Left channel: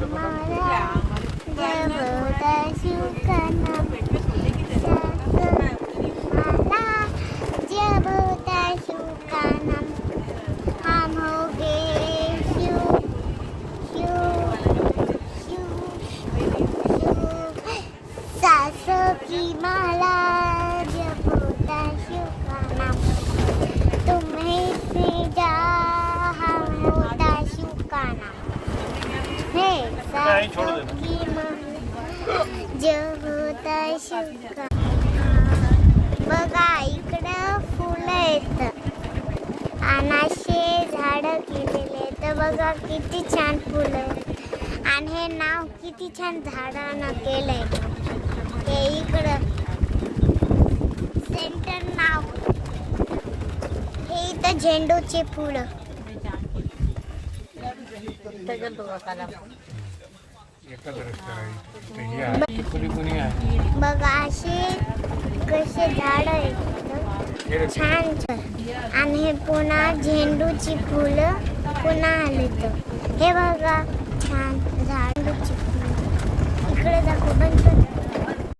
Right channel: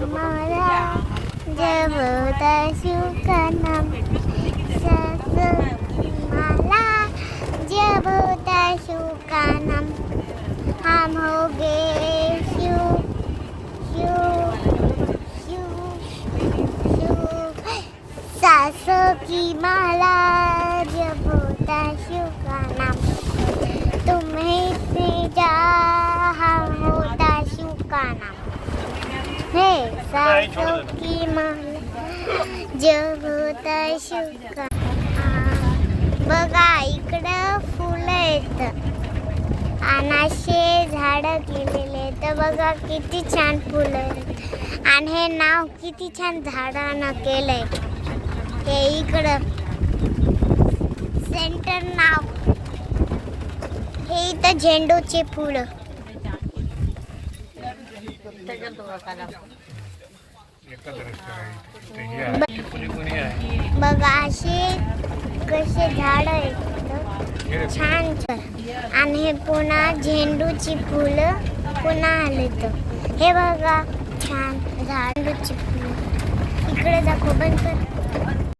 मला जब होता का नाम मला जब होता का नाम हम हो गए शिव सासों की माला जब होता शिव का नाम तुम्हें भेजा हम होता शिव का नाम हे सासों की माला जब होता शिव का बघा इकडं फुलं आहेत अनाशे झाडं केलेले आहेत बघा किती छान फुलं आहेत आणि हे नाव किती छान झाडानं केलंय ते इकडं सेंटर नाव हे इथं झेंडूचे फुलं बघा असे कसे झाड आहेत छान छान आणि हे पुन्हा झेंडूची फुलं पुन्हा आले तर हे बघा छान झेंडूची फुलं इकडे दाखव बंद कर